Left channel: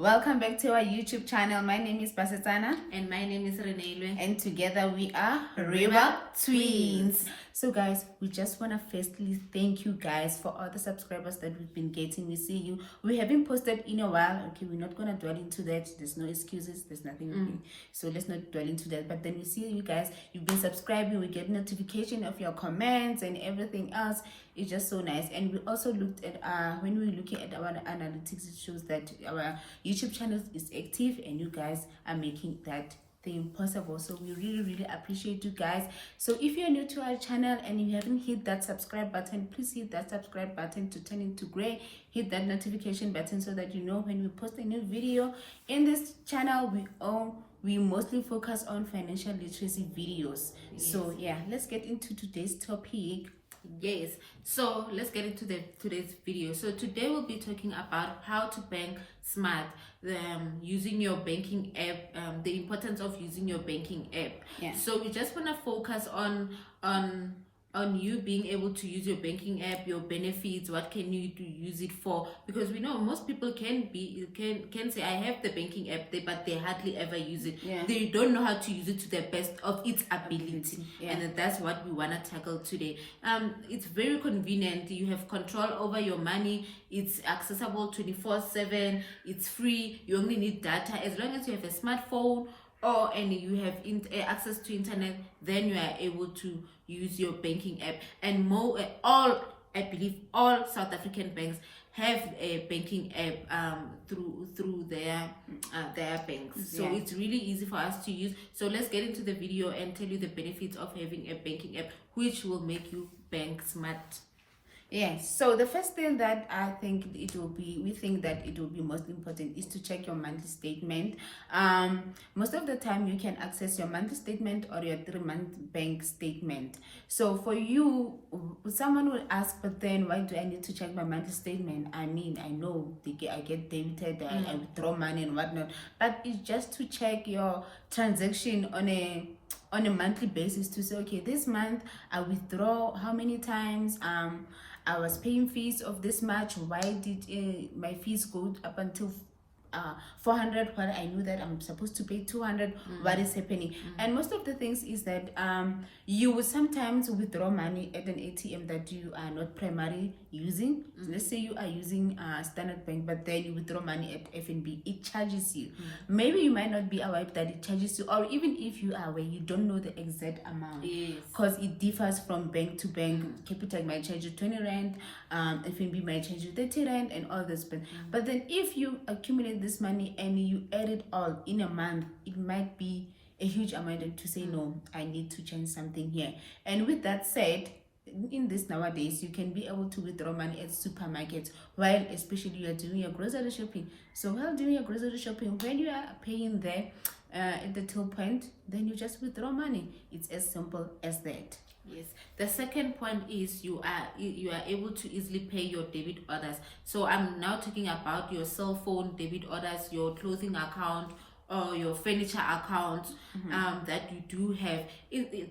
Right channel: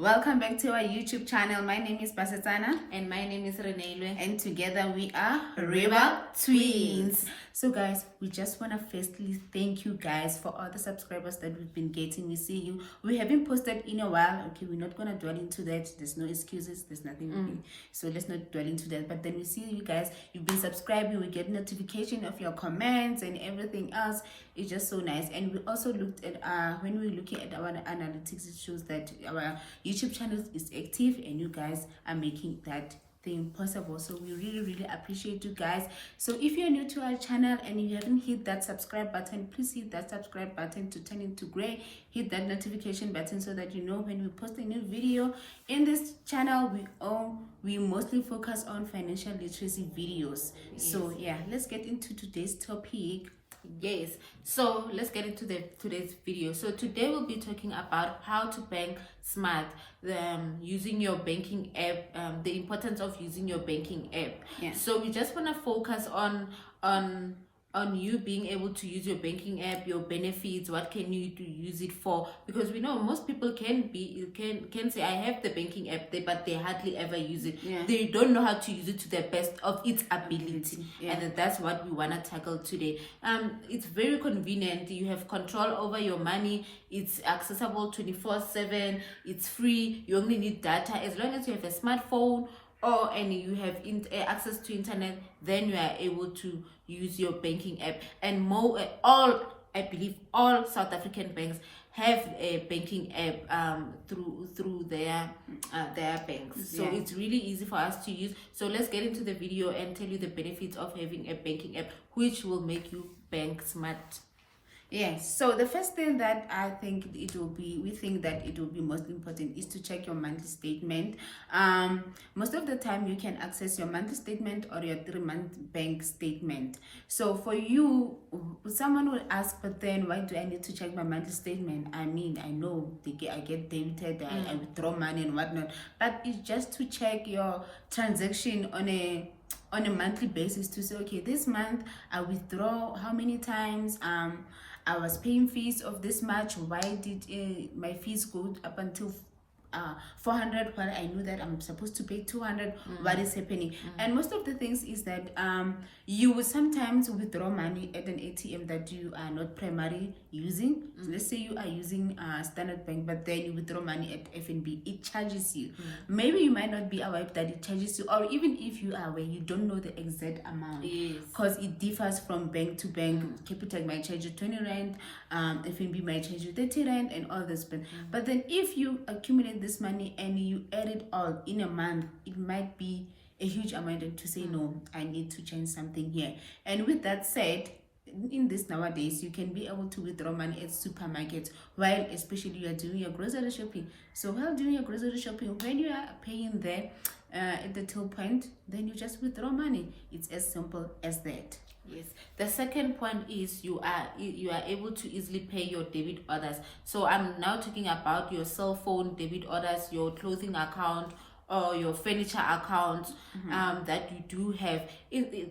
Welcome back to our YouTube channel. My name is Basetsana. And my name is Renelwe. And together we are River Twins. So guys, we just want to firstly thank you guys for all the subscribers that we've been getting. We see you. We haven't posted in a while. Okay, we're not going to dwell into that. There's no excuses. There's nothing. So let's not dwell into that. But then we see you guys. You've been subscribing. We get notification of your comments and everything else. It's just so nice. And we also looked at when we were looking at our analytics, it shows that our YouTube channel is active and you guys are making that thing possible. So we really appreciate you guys. So if you're new to our channel and you haven't hit that subscribe button, please hit that subscribe button to turn into gray. Hit that notification button so that you know when we post a new video. In this channel, we mostly focus on financial literacy videos. So yeah, let's get into today's topic. Yes, so let's get into today's video. So today we'll be talking about how to bank smart, using your banking app, the importance of using your banking app. Yeah. So we just want to focus on you being able to use your banking app, your benefits, what can you use it for, because we know most people can say I have the banking app there, but they hardly ever use it. Yeah. They don't know how to use it to the best of its ability. Yeah. And that's what we want to tackle today. It's very convenient. You have control over your money. It's accessible 24/7. It's free. You only need data. As long as you have a smartphone and you have access to internet, then you are able to use your banking app. And I believe all South African banks have a banking app through their banks. So it's really easy for us to use. So let's get into the video and tell you the benefits of having a banking app, which will make you bank smart. Yes, so the first thing that we think that it will be most important is to check your monthly statement. Most of the time you can access your monthly statement or your 3-month bank statement. So for you, someone will ask, but then why do I need to check my monthly statement? I mean, I know I get debited, I withdraw money and whatnot, but it's just to check your transaction on a monthly basis to say, okay, this month I withdraw how many times, I was paying fees of this much. Why did my fees go up until 400 while I knew that I'm supposed to pay 200? What is happening? And most of the things is that you will sometimes withdraw money at an ATM that you are not primarily using. Let's say you are using Standard Bank, but then you withdraw money at FNB. It charges you. Maybe you might not be aware that it charges you, or even if you are aware, you don't know the exact amount, because it differs from bank to bank. Capitec might charge you 20 rand, FNB might charge you 30 rand, and all this. But then if you accumulate this money and you add it all in a month, it might be a huge amount, and to say no, I need to change something here. And with that said, in this nowadays, you can be able to withdraw money at supermarkets, while especially you are doing your grocery shopping. So while doing your grocery shopping, when you are paying there at the till point, then you just withdraw money. It's as simple as that. Yes. The second point is you are able to easily pay your debit orders. So I'm now talking about your cell phone debit orders, your clothing account, or your furniture account that you do have.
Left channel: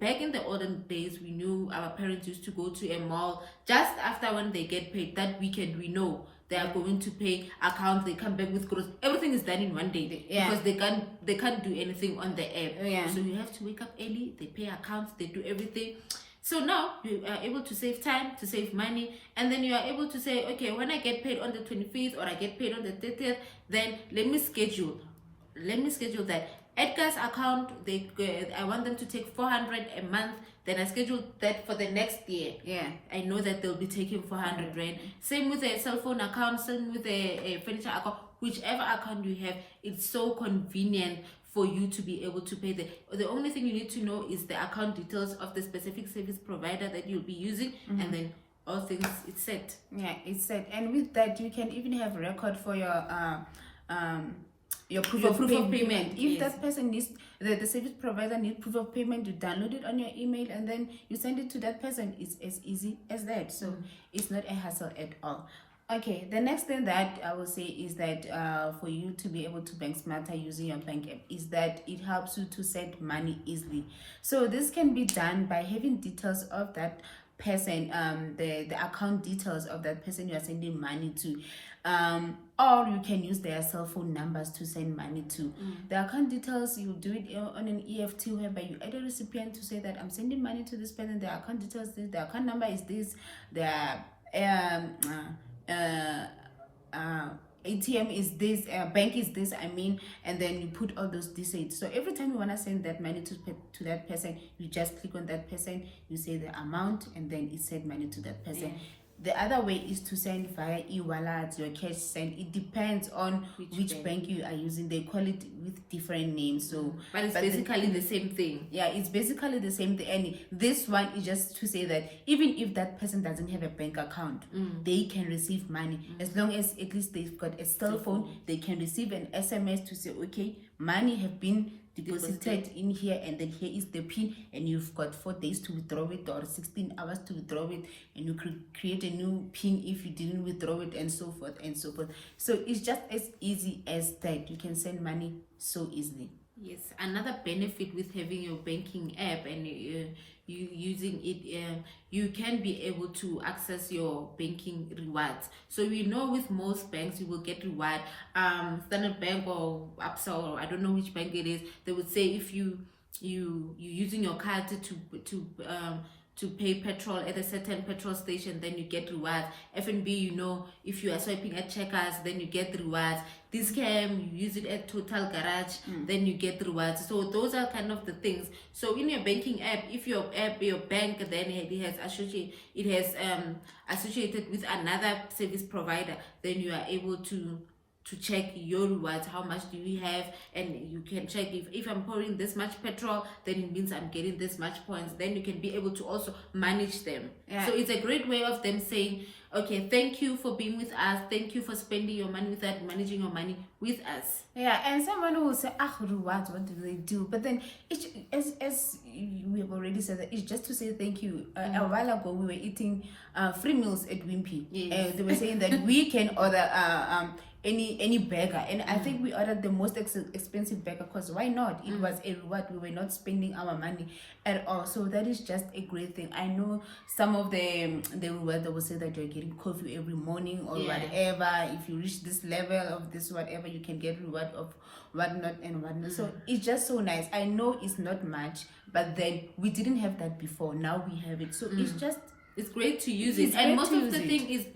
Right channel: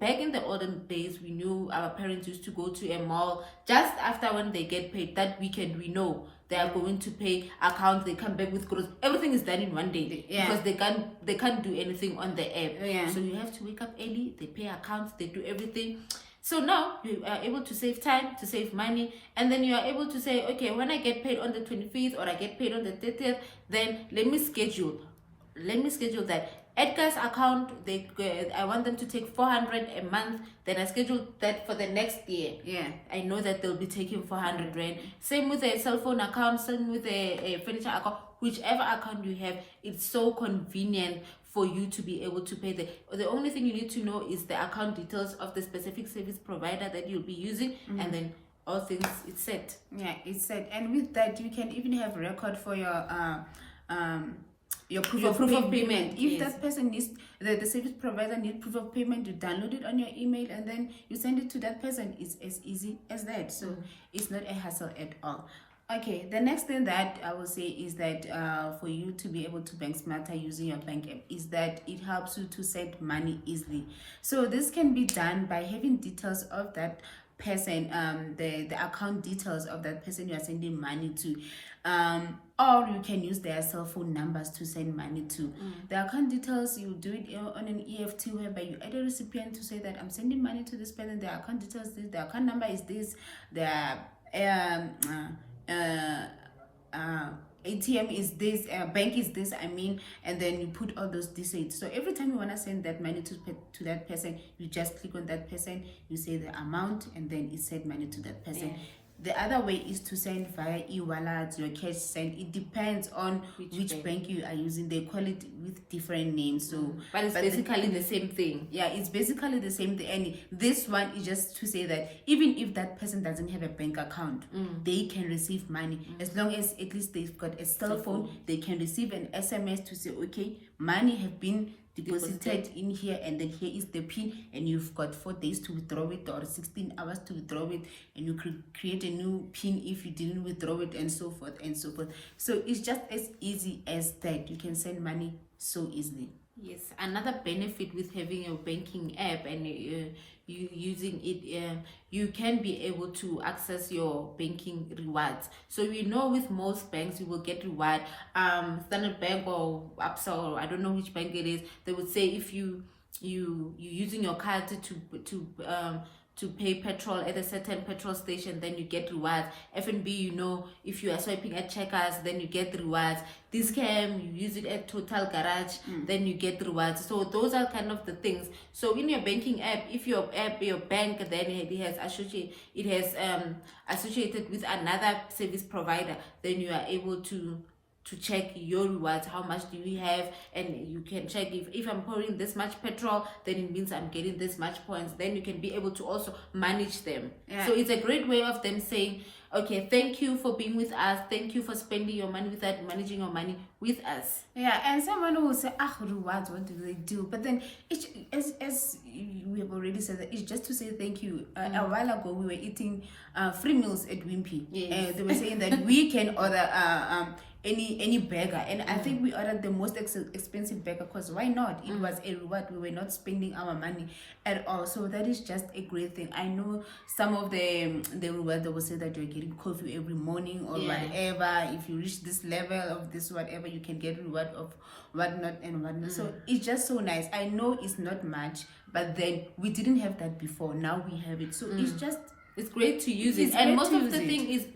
Back in the olden days, we knew our parents used to go to a mall just after when they get paid. That weekend, we know they are going to pay accounts. They come back with groceries. Everything is done in one day because they can't do anything on the app. So you have to wake up early. They pay accounts. They do everything. So now you are able to save time, to save money, and then you are able to say, okay, when I get paid on the 25th or I get paid on the 30th, then let me schedule that. Edgar's account, I want them to take 400 a month. Then I schedule that for the next year. I know that they'll be taking 400 rand. Same with a cell phone account, same with a furniture account. Whichever account you have, it's so convenient for you to be able to pay the only thing you need to know is the account details of the specific service provider that you'll be using, and then all things, it's set. It's set. And with that, you can even have record for your proof of payment. If that person needs, the service provider needs proof of payment, you download it on your email and then you send it to that person. It's as easy as that. So it's not a hassle at all. Okay, the next thing that I will say is that for you to be able to bank smarter using your bank app is that it helps you to send money easily. So this can be done by having details of that person, the account details of that person you are sending money to. or you can use their cell phone numbers to send money to. The account details, you do it on an EFT, whereby you add a recipient to say that I'm sending money to this person, the account details this, the account number is this, the ATM is this, bank is this, and then you put all those details. So every time you want to send that money to that person, you just click on that person, you say the amount, and then it send money to that person. The other way is to send via e-wallet, your cash send. It depends on which bank you are using. They call it with different names. So, but it's basically the same thing. Yeah, it's basically the same thing. And this one is just to say that even if that person doesn't have a bank account, they can receive money. As long as at least they've got a cell phone, they can receive an SMS to say, okay, money have been deposited in here, and then here is the pin, and you've got 4 days to withdraw it, or 16 hours to withdraw it, and you could create a new pin if you didn't withdraw it, and so forth and so forth. So it's just as easy as that. You can send money so easily. Yes, another benefit with having your banking app and you using it, you can be able to access your banking rewards. So we know with most banks you will get reward. Standard Bank or Absa, or I don't know which bank it is, they would say if you using your card to pay petrol at a certain petrol station, then you get rewards. F&B, you know, if you are swiping at Checkers, then you get rewards. Discount, you use it at Total Garage, then you get rewards. So those are kind of the things. So in your banking app, if your bank then it has associated with another service provider, then you are able to check your rewards, how much do you have, and you can check if I'm pouring this much petrol, then it means I'm getting this much points. Then you can be able to also manage them. So it's a great way of them saying, okay, thank you for being with us, thank you for spending your money with us, managing your money with us. Yeah, and someone will say, rewards, what do they do? But then, as we have already said, that it's just to say thank you. A while ago, we were eating free meals at Wimpy. They were saying that we can order any burger, and I think we ordered the most expensive burger, because why not? It was a reward. We were not spending our money at all. So that is just a great thing. I know some of the reward, they will say that you're getting coffee every morning or whatever. If you reach this level of this whatever, you can get reward of whatnot and whatnot. So it's just so nice. I know it's not much, but then we didn't have that before. Now we have it. So it's great to use it. And most of the thing is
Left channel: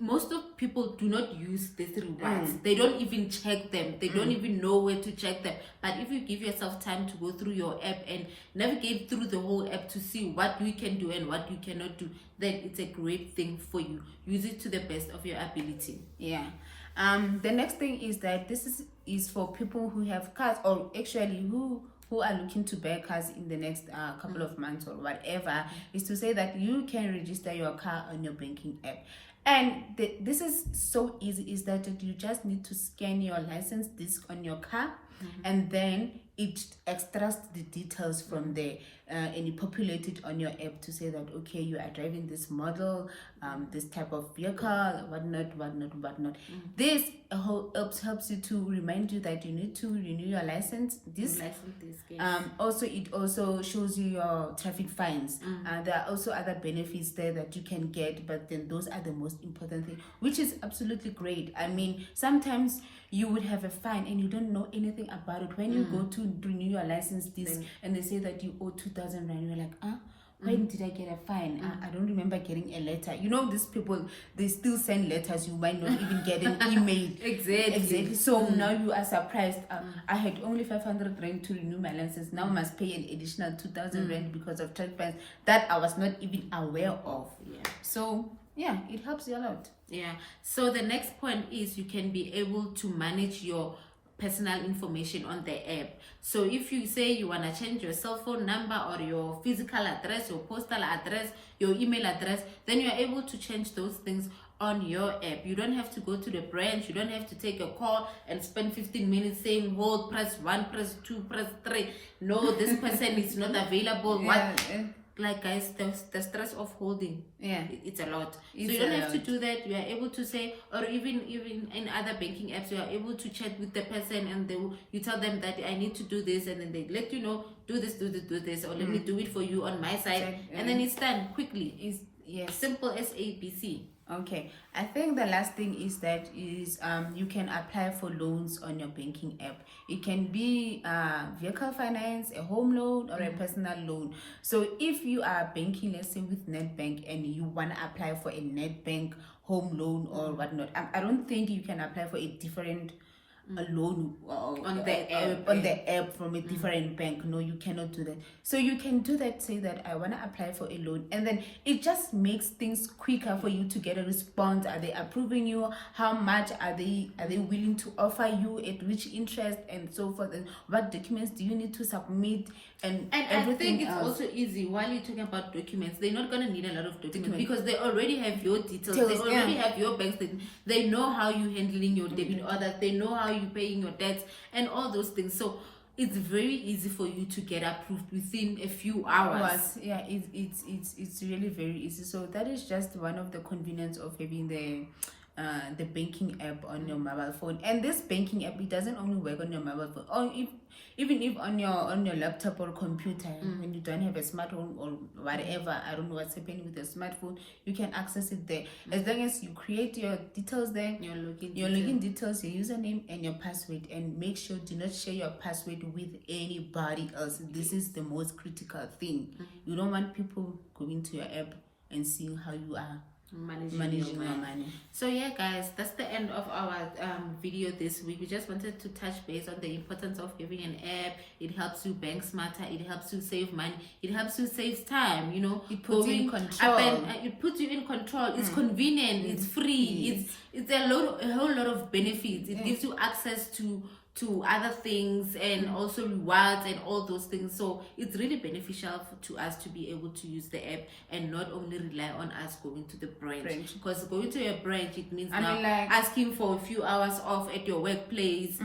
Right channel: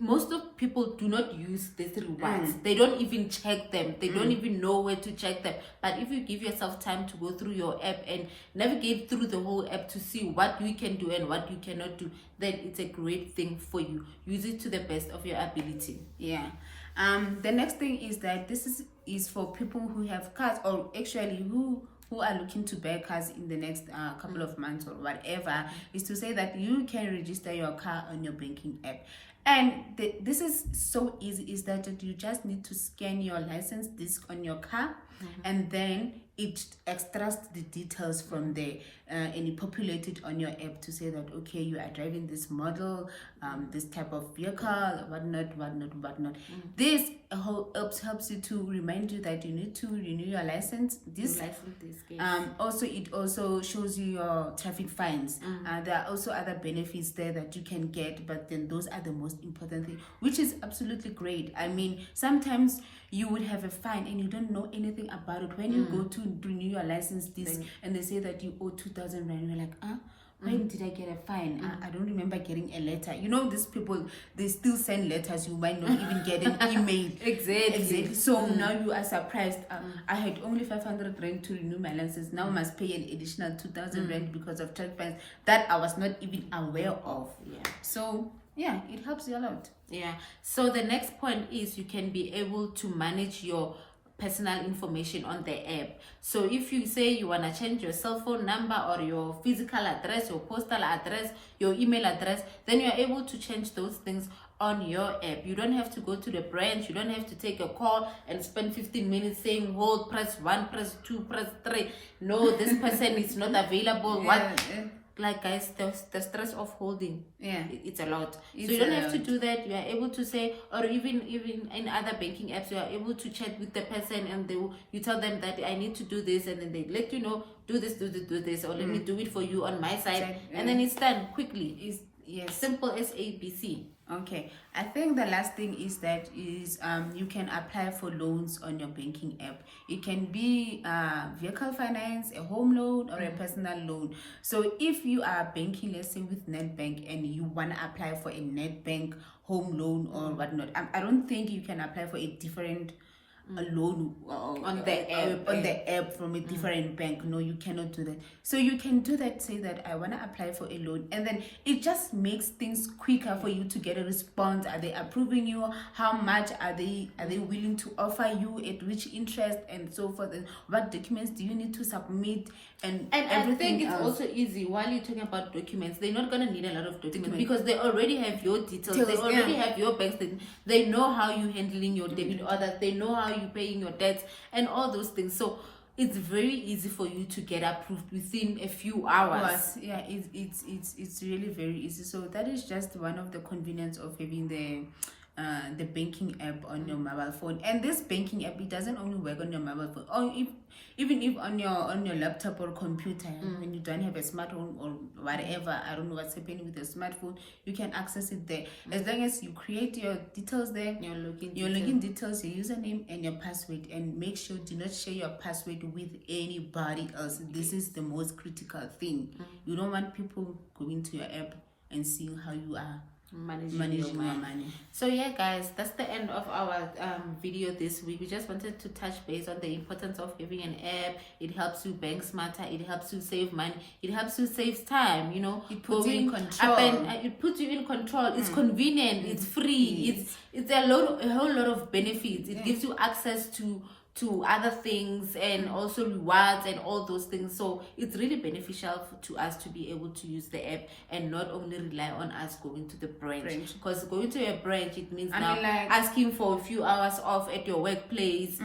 most of people do not use these rewards. They don't even check them. They don't even know where to check them. But if you give yourself time to go through your app and navigate through the whole app to see what you can do and what you cannot do, then it's a great thing for you. Use it to the best of your ability. Yeah. The next thing is that this is for people who have cars, or actually who are looking to buy cars in the next couple of months or whatever, is to say that you can register your car on your banking app. And this is so easy, is that you just need to scan your license disc on your car, and then it extracts the details from there, and you populate it on your app to say that, okay, you are driving this model, this type of vehicle, whatnot. This helps you to remind you that you need to renew your license. Also, it also shows you your traffic fines. There are also other benefits there that you can get, but then those are the most important thing, which is absolutely great. I mean, sometimes you would have a fine and you don't know anything about it. When you go to renew your license and they say that you owe 2,000 rand, you're like, when did I get a fine? I don't remember getting a letter. You know, these people, they still send letters. You might not even get an email. Exactly. So now you are surprised. I had only 500 rand to renew my license. Now I must pay an additional 2,000 rand because of traffic fines that I was not even aware of. So yeah, it helps you a lot. So the next point is you can be able to manage your personal information on the app. So if you say you want to change your cell phone number or your physical address, your postal address, your email address, then you're able to change those things on your app. You don't have to go to the branch. You don't have to take a call and spend 15 minutes saying, hold, press 1, press 2, press 3. No, this person is not available. Like, guys, the stress of holding, it's a lot. So you don't have to do that. You are able to say, or even in other banking apps, you are able to chat with the person, and you tell them that I need to do this, and then they let you know, do this, or let me do it for you on my side, and then it's done quickly. It's simple as ABC. Okay, I think the last thing is that you can apply for loans on your banking app. It can be vehicle finance, a home loan, or a personal loan. So if you are banking, let's say with Netbank, and you want to apply for a Netbank home loan or whatnot, I don't think you can apply for a different a loan on the app from a different bank. No, you cannot do that. So you can do that, say that I want to apply for a loan, and then it just makes things quicker for you to get a response. Are they approving you? How much are they willing to offer you, at which interest, and so forth, and what documents do you need to submit, and everything I think it's else. also easy. While you're talking about documents, they're not going to need a lot of documents because they already have your details. They already have your bank statement. They know how you're handling your debit orders. They know how you're paying your debts and all those things. So it's very easy for you to get approved within a few hours. Yeah, it's really very easy. So that is just one of the convenience of having the banking app on your mobile phone. And this banking app, it doesn't only work on your mobile phone, or even if on your laptop or computer, when you don't have a smartphone or whatever. I don't know what's happening with your smartphone, you can access it there. As long as you create your details there, your login details, your username and your password, and make sure do not share your password with anybody else. This is the most critical thing. You don't want people going to your app and seeing how you are managing your money. So yeah, guys, that's the end of our video this week. We just wanted to touch base on the importance of having an app. It helps you bank smarter, it helps you save money, it helps you save time, you know, it puts you in control. It puts you in control. It's convenient, it's free, it's a whole lot of benefits. It gives you access to other things and also rewards and all those things. So it's really beneficial to us to be able to use the app and not only rely on us going to the branch. Because going to a branch, it means asking for a few hours off at your workplace,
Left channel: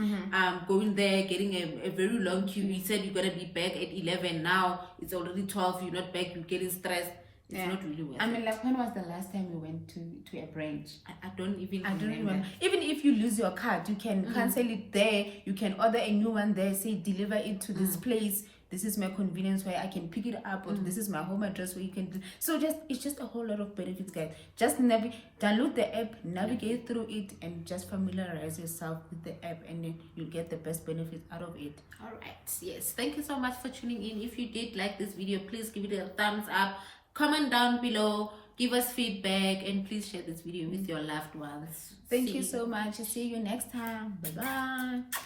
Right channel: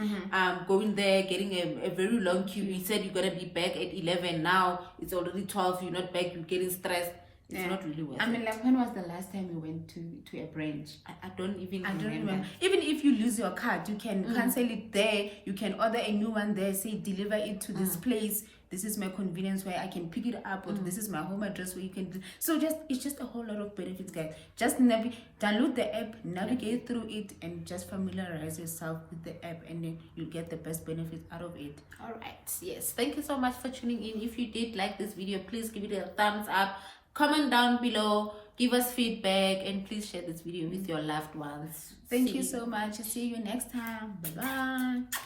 going there, getting a very long queue. You said you're gonna be back at 11, now it's already 12, you're not back, you're getting stressed. It's not really worth it. Like, when was the last time you went to a branch? I don't even remember. Even if you lose your card, you can cancel it there. You can order a new one there, say deliver it to this place. This is my convenience where I can pick it up, or this is my home address where you can so it's just a whole lot of benefits, guys. Just download the app, navigate through it, and just familiarize yourself with the app, and then you'll get the best benefits out of it. All right, yes, thank you so much for tuning in. If you did like this video, please give it a thumbs up, comment down below, give us feedback, and please share this video with your loved ones. Thank you so much. See you next time. Bye bye.